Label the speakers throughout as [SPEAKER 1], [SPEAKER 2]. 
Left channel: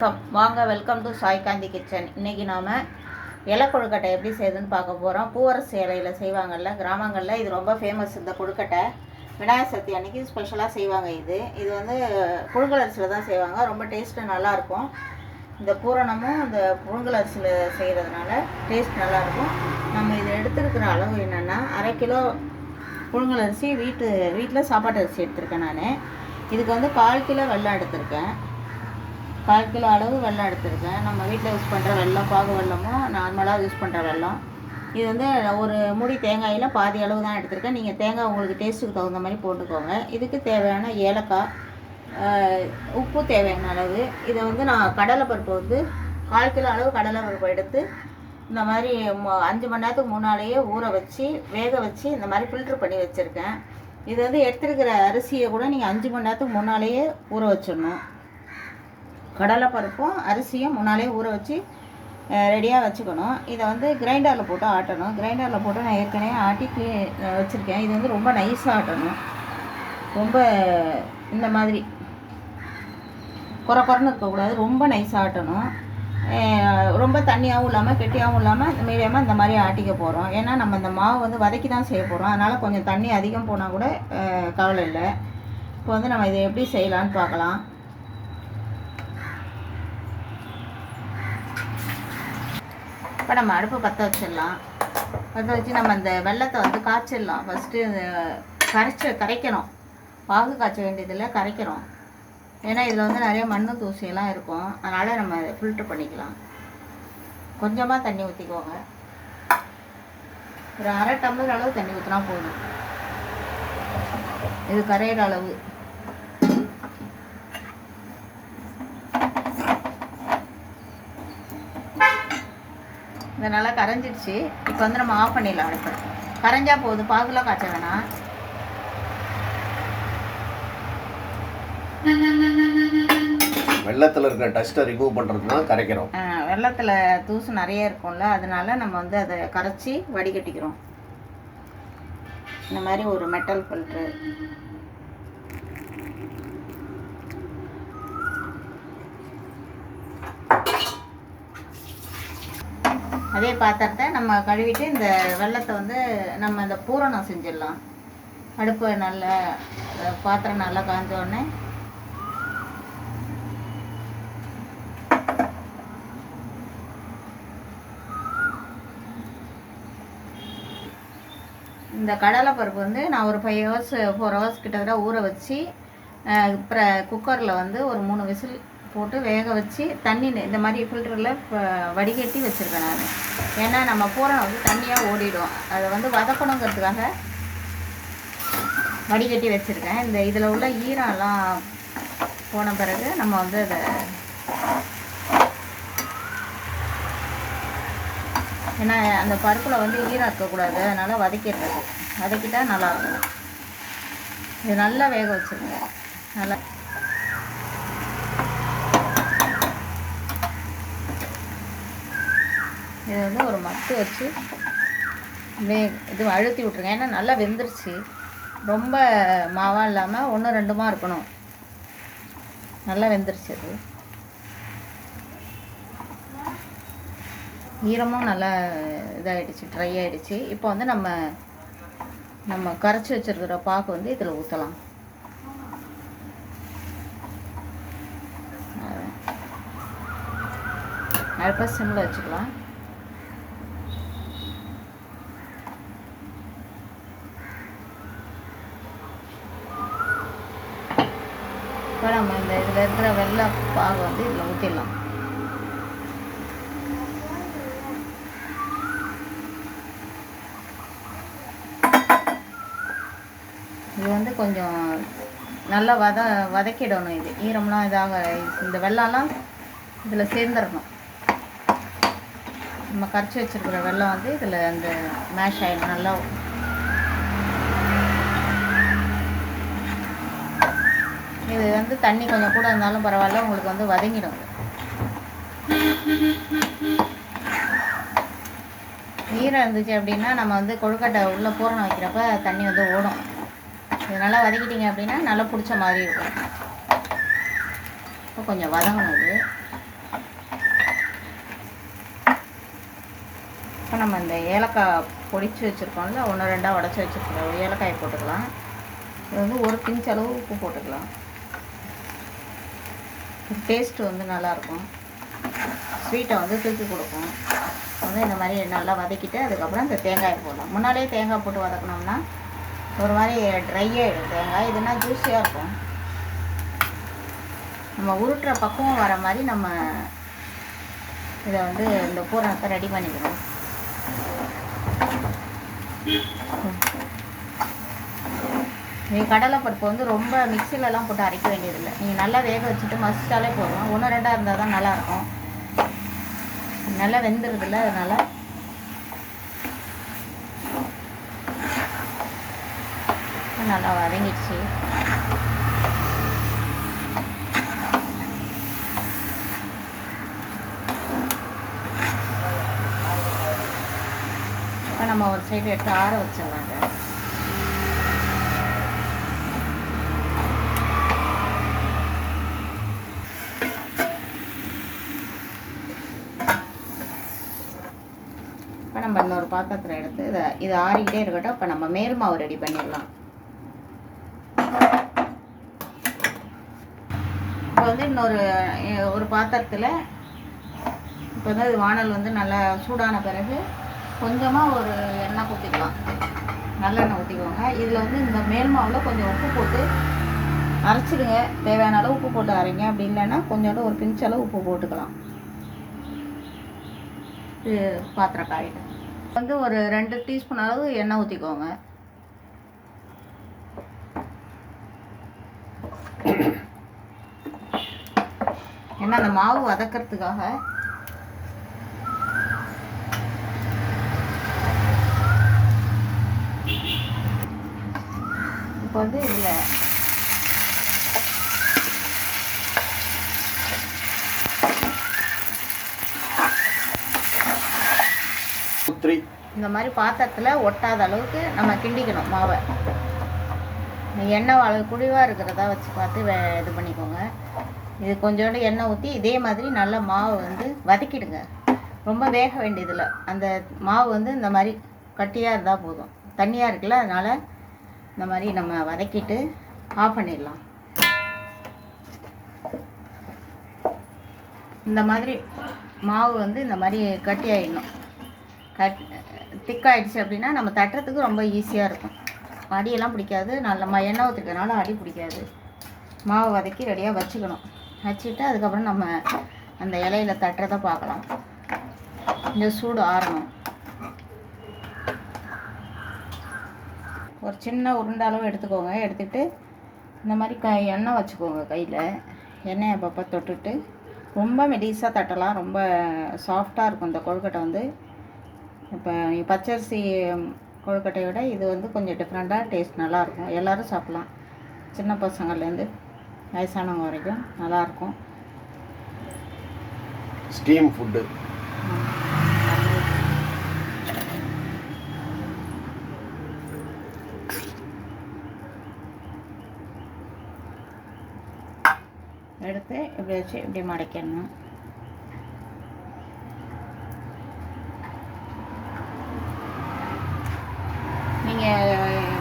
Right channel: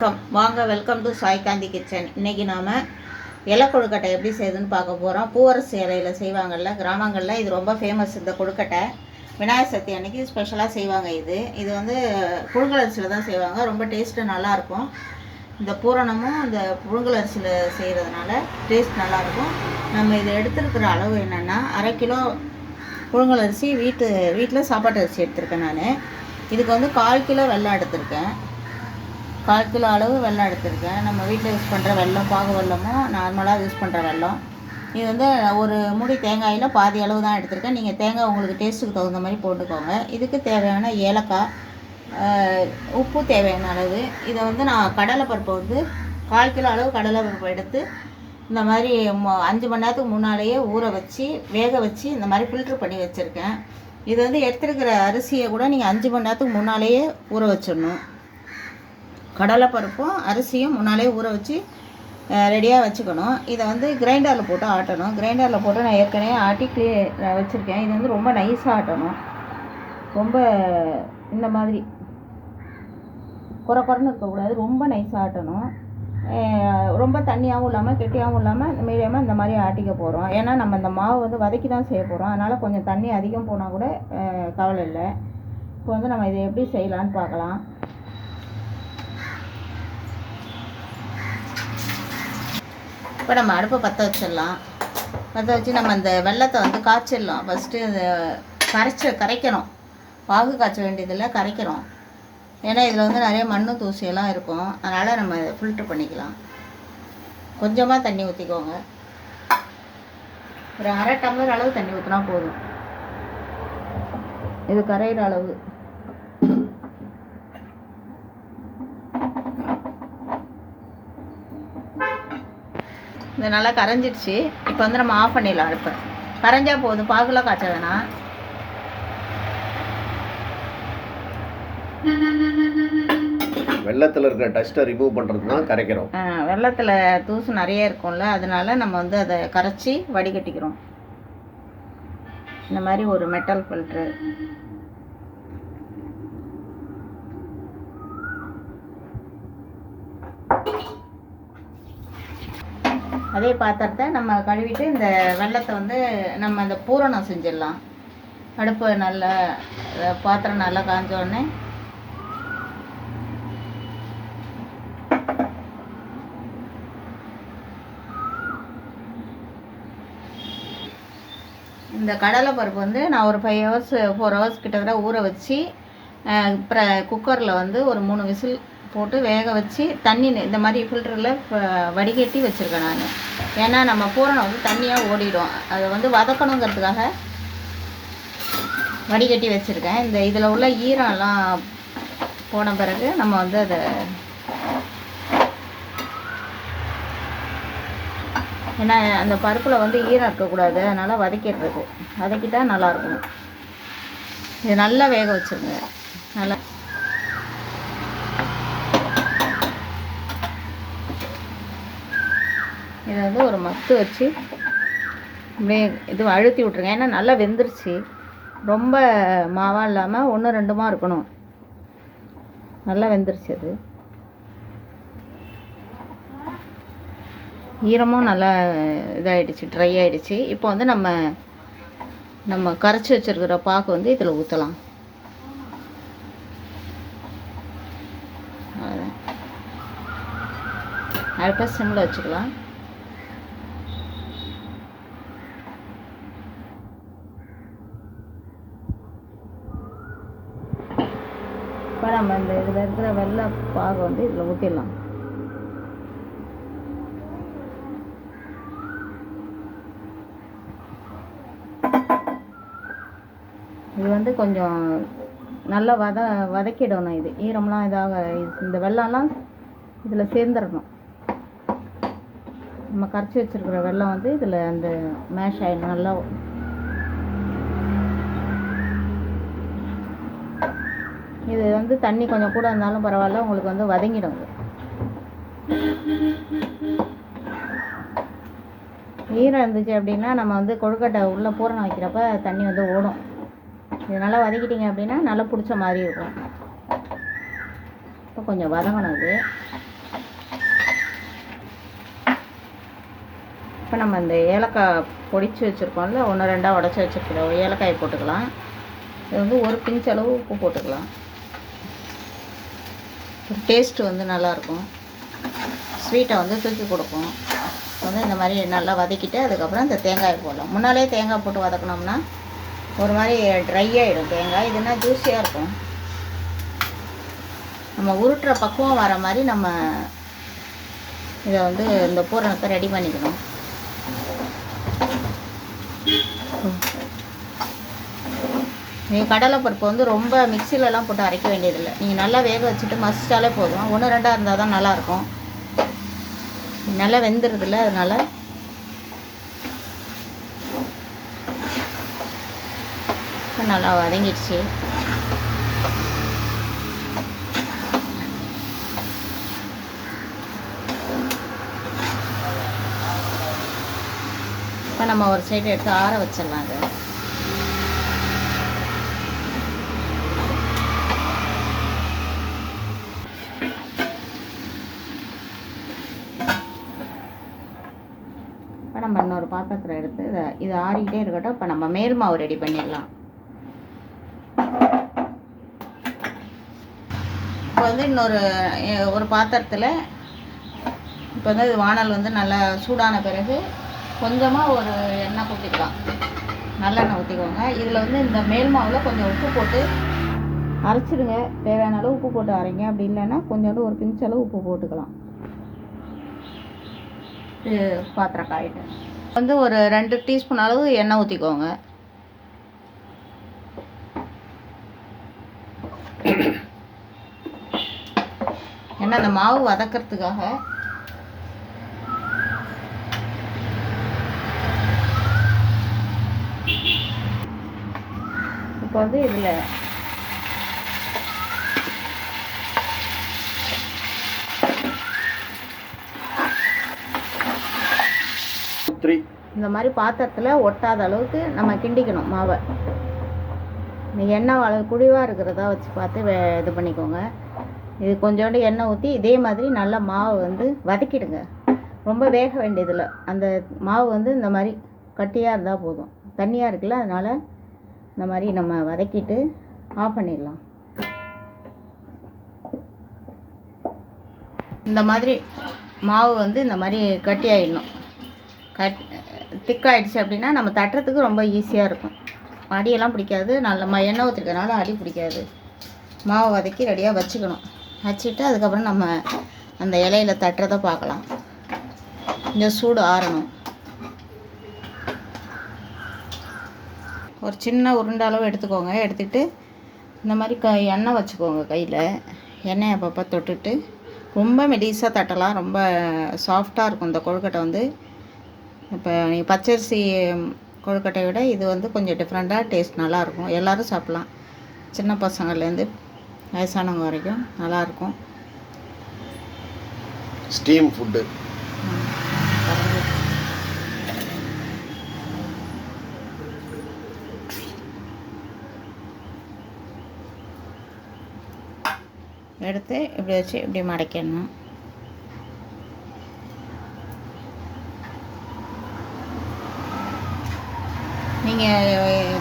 [SPEAKER 1] வணக்கம். வாங்க welcome to Sai Gandhi kitchen இன்னைக்கு நாம் இலை கொழுக்கட்டை எப்படி செய்யுதுன்னு பார்க்க போகிறோம் பூவரசு இலையில் செய்வாங்கல்ல கிராமங்களில் இது ரொம்ப ஃபேமஸ் இந்த கொழுக்கட்டை. விநாயகர் சக்தி அன்னைக்கு ஸ்பெஷலாக செய்வாங்க இது. இது வந்து புழுங்கலரிசியில் தான் செய்வாங்க. ரொம்ப டேஸ்ட்டு நல்லாயிருக்கும் இந்த பூரணமும் இந்த புழுங்கலரிசியில் செய்கிறதுனால டேஸ்ட் நல்லாயிருக்கும் நம்ம இதில் எடுத்துருக்கிற அளவு என்னென்னா அரை கிலோ புழுங்கலரிசி வீட்டு வீட்டில் சாப்பாட்டு அரிசி எடுத்திருக்கேன் நான். இதுக்கு வந்து கால் கிலோ வெள்ளம் எடுத்திருக்கேன். கால் கிலோ அளவு வெள்ளம் எடுத்திருக்கேன். நம்ம வீட்டில் யூஸ் பண்ணுற வெள்ளம் பாகு வெள்ளமும் நார்மலாக யூஸ் பண்ணுற வெள்ளம். இது வந்து ஒரு மூடி தேங்காயில் பாதி அளவு தான் எடுத்திருக்கேன். நீங்கள் தேங்காய் உங்களுக்கு டேஸ்ட்டுக்கு தகுந்த மாதிரி போட்டுக்கோங்க. இதுக்கு தேவையான ஏலக்காய் உப்பு தேவையான அளவு. இதை வந்து நான் கடலைப்பருப்பு வந்து கால் கிலோ அளவு கடலைப்பருப்பு எடுத்து இந்த மாதிரி மொ- அஞ்சு மணி நேரத்துக்கு முன்னாலேயே ஊற வச்சு வேக வச்சு இந்த மாதிரி ஃபில்ட்ரு பண்ணி வச்சுருக்கேன். இது வந்து எடுத்துருக்கிற அரிசியை கூட நீங்கள் அஞ்சு மணி நேரத்துக்கு முன்னாலேயே ஊற வச்சிடணும். கடலைப்பருப்பும் அரிசியும் முன்னாலே ஊற வச்சு ரெடியாக வச்சுக்கணும். இதை வந்து கிரைண்டரில் போட்டு ஆட்டணும். கிரைண்டரில் போட்டு நான் ஏற்கனவே ஆட்டி க்ளீ வச்சுருக்கேன். இது வந்து ரொம்ப நைஸாக ஆட்டணும். ரொம்ப இந்த மாதிரி குறை குறைன்னு இருக்கக்கூடாது. ரொம்ப நைஸாக ஆட்டணும். ரொம்ப தண்ணியாகவும் இல்லாமல் கெட்டியாகவும் இல்லாமல் மீடியமாக இந்த மாதிரி ஆட்டிக்க போகிறோம் ஏன்னா நம்ம இந்த மாவு வந்து வதக்கி தான் செய்ய போகிறோம் அதனால் கொஞ்சம் தண்ணி அதிகம் போனால் கூட கவலை இல்லை. இப்போ வந்து நம்ம இதை எப்படி செய்யலான்னு பார்க்கலாம். இப்போ நம்ம அடுப்பை பற்ற வச்சிடலாம். பற்ற வச்சு நம்ம அந்த வெள்ளத்தை வந்து காய்ச்சிடலாம். ஃபஸ்ட்டு கரைச்ச கரைக்கணும். பாகு காய்ச்ச வேண்டியதில் கரைக்கிறோம். ஏன்னா இதில் வந்து நிறைய மண்ணு தூசியெல்லாம் இருக்கும். அதனால் நம்ம ஃபில்ட்ரு பண்ணிக்கலாம். கொஞ்சமாக தண்ணி ஊற்றிக்கோங்க ஒரு அரை டம்ளர் அளவு தண்ணி ஊற்றினா போதும். இது கரையிற அளவு. இது நல்லா கரைஞ்சிடுச்சு. இப்போ வந்து நம்ம ஆஃப் பண்ணிடலாம் அடுப்பை. கரைஞ்சா போதும். பாகுலாம் காய்ச்ச வேணாம்.
[SPEAKER 2] வெள்ளத்தில் இருக்கிற டஸ்ட்டை ரிமூவ் பண்ணுறது தான் கரைக்கிறோம்.
[SPEAKER 1] வெள்ளத்தில் தூசு நிறைய இருக்கும்ல அதனால நம்ம வந்து அதை கரைச்சி வடிகட்டிக்கிறோம். இந்த மாதிரி ஒரு மெட்டல் ஃபில்ட்ரு அதே பாத்திரத்தை நம்ம கழுவிட்டு இந்த வெள்ளத்தை வந்து நம்ம இந்த பூரணம் செஞ்சிடலாம். அடுப்பு நல்லா பாத்திரம் நல்லா காஞ்சோடனே. இந்த கடலை பருப்பு வந்து நான் ஒரு ஃபைவ் ஹவர்ஸ் ஃபோர் ஹவர்ஸ் கிட்டத்தட்ட ஊற வச்சு அப்புறம் குக்கரில் வந்து ஒரு மூணு விசில் போட்டு வேக வச்சு தண்ணி இந்த மாதிரி ஃபில்டரில் வடிகட்டி வச்சுருக்கேன் நான். ஏன்னா நம்ம பூரணம் வந்து தண்ணியாக ஓடிடும். அதை வந்து வதக்கணுங்கிறதுக்காக வடிகட்டி வச்சுருக்கேன். இந்த இதில் உள்ள ஈரம்லாம் போன பிறகு நம்ம வந்து அதை ஏன்னா அந்த பருப்பில் வந்து ஈரம் இருக்கக்கூடாது. அதனால் வதக்கிடுறது. வதக்கிட்டால் நல்லாயிருக்கும் இது நல்லா வேக வச்சுருங்க. நல்லா இதை வந்து ஒரு மத்து வச்சு மே இது அழுத்தி விட்ருங்க ஏன்னா நல்லா வெந்துருச்சு. ரொம்ப மாவாக இல்லாமல் ஒன்று ரெண்டுமா இருக்கணும். நல்லா வெந்துருச்சு அது. ஈரமும் நல்லா இதாகிடுச்சு ட்ரை ஆகிடுச்சு இப்போ வந்து நம்ம நம்ம கரைச்சி வச்சிருக்கிற பாக்கு வந்து இதில் ஊற்றலாம் அடுப்பாக சிம்மில் வச்சுக்கலாம். நம்ம இந்த இதில் இருக்கிற வெள்ளை பாகு வந்து இதில் ஊற்றிடலாம் இது வந்து கொஞ்சம் நல்லா வத வதக்கிடணும் இது. ஈரம்லாம் இதாக இந்த வெள்ளம்லாம் இதில் சேர்ந்துடணும் நம்ம கரைச்சி வச்சிருக்கிற வெள்ளம் வந்து இதில் இந்த மேஷ் ஆகிடும் நல்லா இது வந்து தண்ணி கொஞ்சம் கூட இருந்தாலும் பரவாயில்ல உங்களுக்கு வந்து வதங்கிடும் ஈரம் இருந்துச்சு அப்படின்னா நம்ம வந்து கொழுக்கட்டை உள்ளே பூரணம் வைக்கிறப்ப தண்ணி வந்து ஓடும். இது நல்லா வதக்கிட்டிங்க அப்படின்னா நல்லா பிடிச்ச மாதிரி இருக்கும். இப்போ கொஞ்சம் வதங்கணும் அது. இப்போ நம்ம இந்த ஏலக்காய் பொடிச்சு வச்சுருக்கோம்ல ஒன்று ரெண்டாக உடச்சி வச்சுருக்கிற ஏலக்காயை போட்டுக்கலாம். இது வந்து ஒரு பிஞ்ச் அளவு உப்பு போட்டுக்கலாம். டேஸ்ட்டு வந்து நல்லாயிருக்கும். ஸ்வீட்டை வந்து தூக்கி கொடுக்கும். வந்து இந்த மாதிரி நல்லா வதக்கிட்டு அதுக்கப்புறம் இந்த தேங்காயை போடலாம் முன்னாலே தேங்காய் போட்டு வதக்கினோம்னா ஒரு மாதிரி ட்ரை ஆகிடும் தேங்காய். இதுனா ஜூஸியாக இருக்கும். நம்ம உருட்டுற பக்குவம் வர மாதிரி நம்ம இதை வந்து இந்த பூரணத்தை ரெடி பண்ணிக்கணும். நீங்கள் கடலைப்பருப்பு வந்து ரொம்ப மிக்சிலலாம் போட்டு அரைக்க வேண்டியதில்லை. நீங்கள் நல்லா வேக வச்சுட்டு மசிச்சாலே போதும். ஒன்று ரெண்டாக இருந்தால் தான் நல்லாயிருக்கும். நல்லா வெந்துடுதுல்ல அதனால். நல்லா வதங்கிடுச்சு. இப்போ நம்ம ஒரு சைடு எடுத்து ஆற வச்சிடலாம் அதை இப்போ நம்ம இன்னொரு பாத்திரத்தில் எடுத்து இதை இது ஆறிக்கிட்டே இருக்கட்டும். இப்போ நம்ம மேல் மாவு ரெடி பண்ணிடலாம். இப்போ வந்து இன்னொரு ஒரு பாத்திரத்தில் இப்போ வந்து வானல் வந்து நல்லா சூடான பிறகு கொஞ்சமாக ஒரு எண்ணெய் ஊற்றிக்கலாம் நல்லெண்ணெய் ஊற்றிக்கோங்க இதில் வந்து இந்த மேல் மாவில் கொஞ்சம் உப்பு போட்டு அரைச்சிடுங்க. தேவையான அளவு உப்பு போட்டு அரைங்க. அப்படி இல்லைன்னா கொஞ்சோண்டு ஒரு பிஞ்ச் அளவு உப்பு போட்டுக்கலாம். இது பாத்திரம் காயிட்டு வந்து ஒரு ரெண்டு டீஸ்பூன் அளவு எண்ணெய் ஊற்றிக்கோங்க ஏன்னா அந்த மாவு வதக்கிறதுக்காக. இப்போ வந்து இதில் இந்த மாதிரி பாத்திரத்தில் ஒட்டாத அளவுக்கு நம்ம கிண்டிக்கணும் மாவை. எண்ணெய் அளவு குழிவாக இருக்கிறதா வச்சு பார்த்து வே இது பண்ணிக்கோங்க. இது கொஞ்சோண்டு எண்ணெய் ஊற்றி இதே மாதிரி நல்லா மாவை வந்து வதக்கிடுங்க. ரொம்ப வேக வேண்டியதில்லை. அந்த மாவு வந்து இந்த மாதிரி கட்டியாக இருந்தால் போதும். தண்ணியாக இருக்குல்ல அதனால் இந்த மாதிரி நம்ம வதக்கிட்டு ஆஃப் பண்ணிடலாம். இந்த மாதிரி மாவு வந்து இந்த மாதிரி கட்டி ஆகிடணும் கட் திக்காயிடுச்சு அப்படின்னா நம்ம தட்டுறதுக்கு ரொம்ப ஈஸியாக இருக்கும். அடியெல்லாம் பிடிக்காது. நல்ல ம எண்ணெய் ஊற்றிருக்கனால அடி பிடிக்காது. மாவு வதக்கி ரெடியாக வச்சுக்கணும். வச்சுட்டு அதுக்கப்புறம் நம்ம அந்த இலையில தட்டுறதை பார்க்கலாம். இந்த சூடு ஆறணும். ஒரு சின்ன உருண்டை அளவு எடுத்துக்கோங்க. எடுத்துட்டு இந்த மாதிரி க எண்ணெய் வச்சுக்கோங்க கையில். எண்ணெய் அப்பப்போ தொட்டுட்டு ரொம்ப மெடிஸாக தட்டலாம். ரொம்ப சாஃப்டாக இருக்கும். இந்த கொழுக்கட்டை வந்து இப்போ நீங்கள் பச்சரிசி கொழுக்கட்டையை விட இது வந்து கொஞ்சம் டிஃப்ரெண்ட்டாக டேஸ்ட் நல்லாயிருக்கும். எல்லோரும் சாப்பிட்லாம். சின்ன பசங்கள்லேருந்து வயசானவங்க வரைக்கும் நல்லாயிருக்கும்.
[SPEAKER 2] ஸ்டீம் ஃபுட்டு
[SPEAKER 1] எடுத்து இப்படி வச்சு இப்படி மடக்கிடணும். நீங்கள்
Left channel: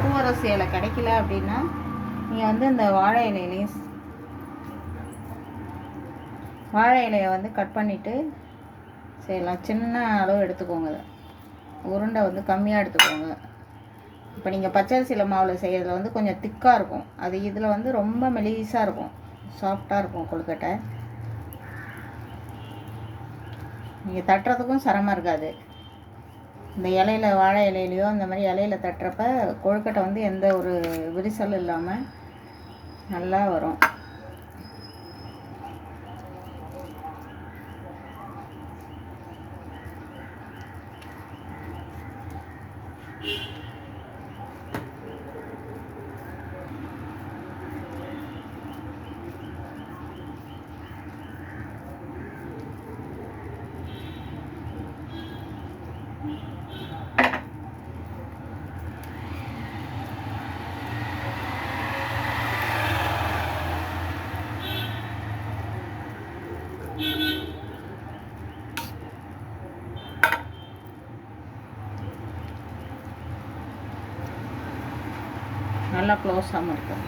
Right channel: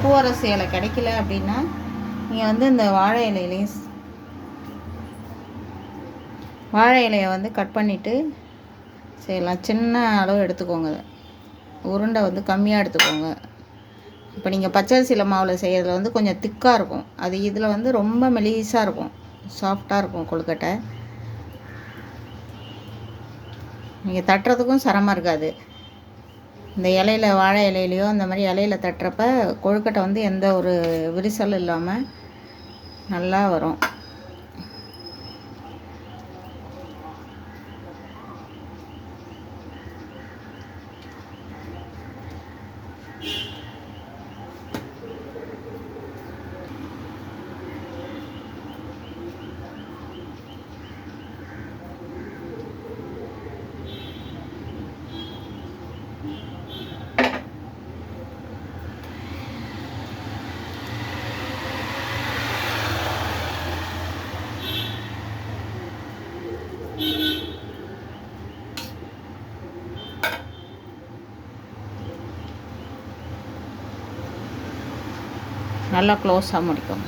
[SPEAKER 1] பூவரசு இலை கிடைக்கல அப்படின்னா நீங்கள் வந்து இந்த வாழை இலையிலையும் வாழை இலையை வந்து கட் பண்ணிவிட்டு செய்யலாம். சின்ன அளவு எடுத்துக்கோங்க. உருண்டை வந்து கம்மியாக எடுத்துக்கோங்க. இப்போ நீங்கள் பச்சரிசியில் மாவில் செய்கிறதுல வந்து கொஞ்சம் திக்காக இருக்கும். அது இதில் வந்து ரொம்ப மெலிசாக இருக்கும். சாஃப்டாக இருக்கும் கொழுக்கட்டை. நீங்கள் தட்டுறதுக்கும் சிரமம் இருக்காது. இந்த இலையில வாழை இலையிலையோ அந்த மாதிரி இலையில தட்டுறப்ப கொழுக்கட்டை வந்து எந்த ஒரு விரிசலும் இல்லாமல் நல்லா வரும் Thank you. நல்லா க்ளோஸாக முடிக்கும்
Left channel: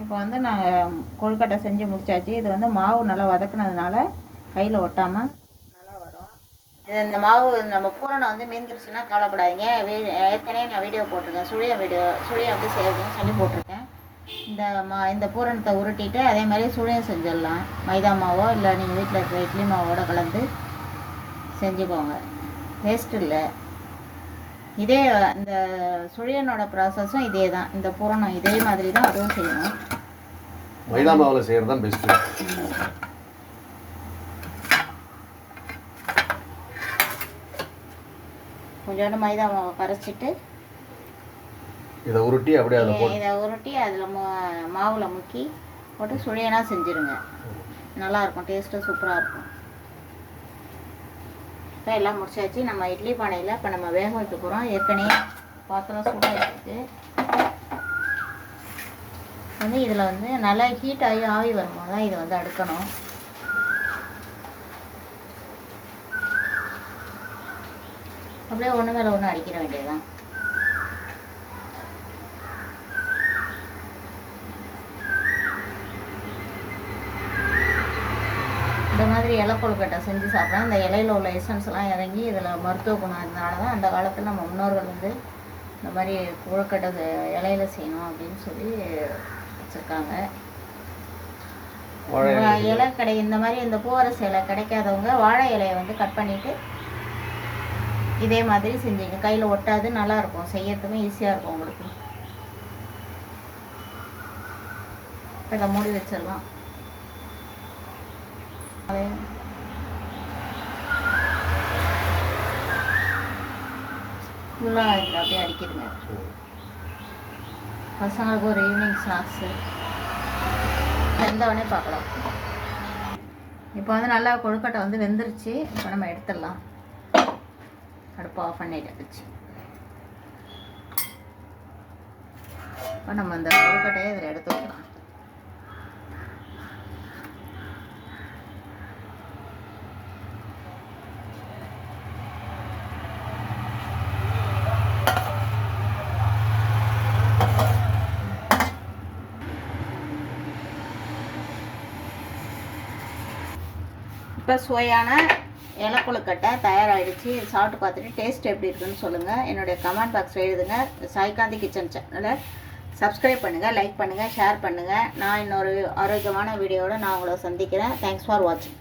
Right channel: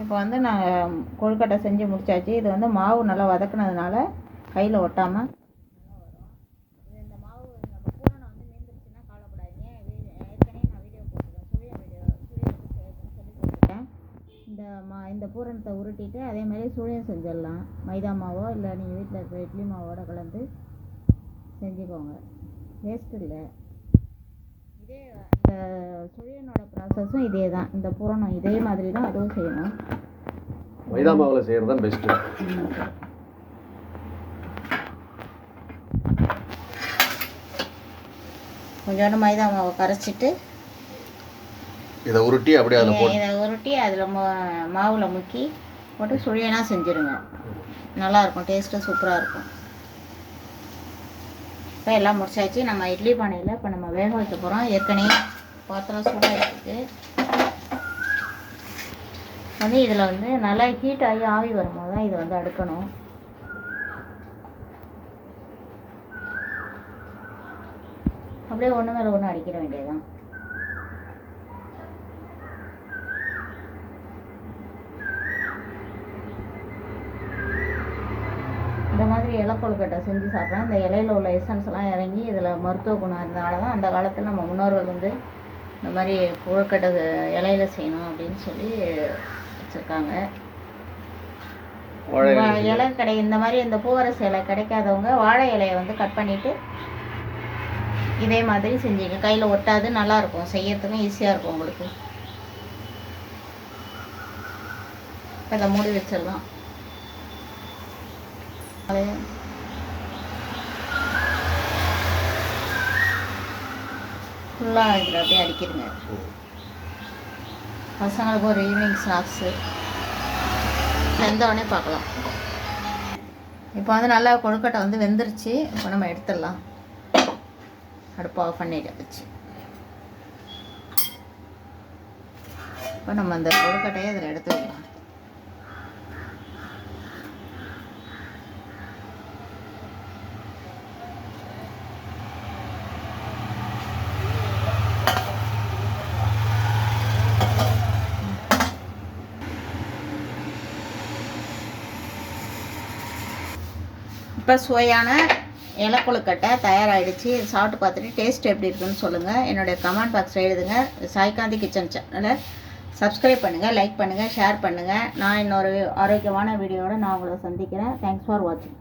[SPEAKER 1] இப்போ வந்து நான் கொழுக்கட்டை செஞ்சு முடிச்சாச்சு. இது வந்து மாவு நல்லா வதக்குனதுனால கையில் ஒட்டாமல் நல்லா வரும். இது இந்த மாவு நம்ம பூரணை வந்து மீந்துருச்சுன்னா கவலைப்படாதீங்க. ஏற்கனவே நான் வீடியோ போட்டிருக்கேன். சுழியம் வீடியோ சுழியம் வந்து செய்யறதுன்னு சொல்லி போட்டிருக்கேன். இந்த மா இந்த பூரணத்தை உருட்டிட்டு அதே மாதிரி சுழியம் செஞ்சிடலாம். மைதா மாவோ இல்லை நீங்கள் வீட்டில் இருக்கிற இட்லி மாவோட கலந்து செஞ்சுக்கோங்க. வேஸ்ட் இல்லை. இதே இந்த சுழியனோட ப்ராசஸும் இதே தான். இந்த பூரணம் இதே மாதிரி தான் அதுவும் செய்யணும்.
[SPEAKER 2] மைதா மாவில் செய்கிறது தான் பெஸ்ட்டு
[SPEAKER 1] கொஞ்சோண்டு மைதா மாவை கரைச்சிட்டு
[SPEAKER 2] இதை உருட்டி அப்படியே அதில் போட்டு
[SPEAKER 1] இதை உருட்டி அதில் மாவில் முக்கி போட்டு சுழியனாக செஞ்சுருங்க. நல்லா இருக்கும் டேஸ்ட்டு சூப்பராக இருக்கும். இப்போ எல்லாம் முடிச்சாச்சு. நம்ம இட்லி பானையில் இப்போ நம்ம வேக வைக்க போகிறோம் ஏற்கனவே பாத்திரம் சூடாக இருக்குது வந்து இதில் வந்து நல்லா ஹீட் ஆகி ஆவி வரும்போது தான் இதை வந்து அடுக்கணும். அப்படியே ஒன்று மேலே ஒன்று அடிக்கிற வேண்டியதுதான். இலை கொழுக்கட்டை செஞ்சு சாப்பிட்டா இந்த இலையில உள்ள எசன்ஸ் எல்லாம் இறங்கி இதில் மருத்துவ குணம் இருந்தனால தான் அந்த காலத்தில் நம்ம முன்னோர்கள் வந்து இந்த மாதிரி கொழுக்கட்டை இலையில செய்யணும் அப்படின்னு சொல்லி வச்சுருக்காங்க.
[SPEAKER 2] இலை
[SPEAKER 1] கடை இந்த மாதிரி இந்த பூவரசு இலை கிடைக்காதவங்க வாழை இலையை வந்து கட் பண்ணிட்டு இதே மாதிரி செஞ்சீங்க. கையில் ஒட்டாது நல்லா இருக்கும். செய்யறதுக்கும் ஈஸியாக இருக்கும் உங்களுக்கு. இதை மூடி வச்சிடலாம். ஃபுல்லாக இதில் அப்படியே அடிக்கிடுங்க பசங்களுக்கு ஒரு ஈவினிங் ஸ்நாக்ஸு உடனே பார்க்கலாம். இப்போ வந்து நல்லா கொழுக்கட்டை வந்து வெந்துருச்சு. இப்போ நம்ம எடுத்துடலாம். அடுப்பு ஆஃப் பண்ணிட்டு வச்சு இப்போ நம்ம அந்த கொழுக்கட்டையை இதில் எடுத்து வைக்கலாம். இப்போ சுவையான இலக்குழுக்கட்டை தயாராகிடுச்சு இது சாப்பிட்டு பார்த்துட்டு டேஸ்ட் எப்படி இருக்குன்னு சொல்லுங்கள் என்னுடைய கமெண்ட் பாக்ஸில் எழுதுங்க. சாய்காந்தி கிச்சன் சேனலை சப்ஸ்கிரைப் பண்ணுங்கள் லைக் பண்ணுங்கள் ஷேர் பண்ணுங்கள் நான் இன்னொரு ஆரோக்கியமான வீடியோவோட நான் உங்களை சந்திக்கிறேன். தேங்க்ஸ் ஃபார் வாட்சிங்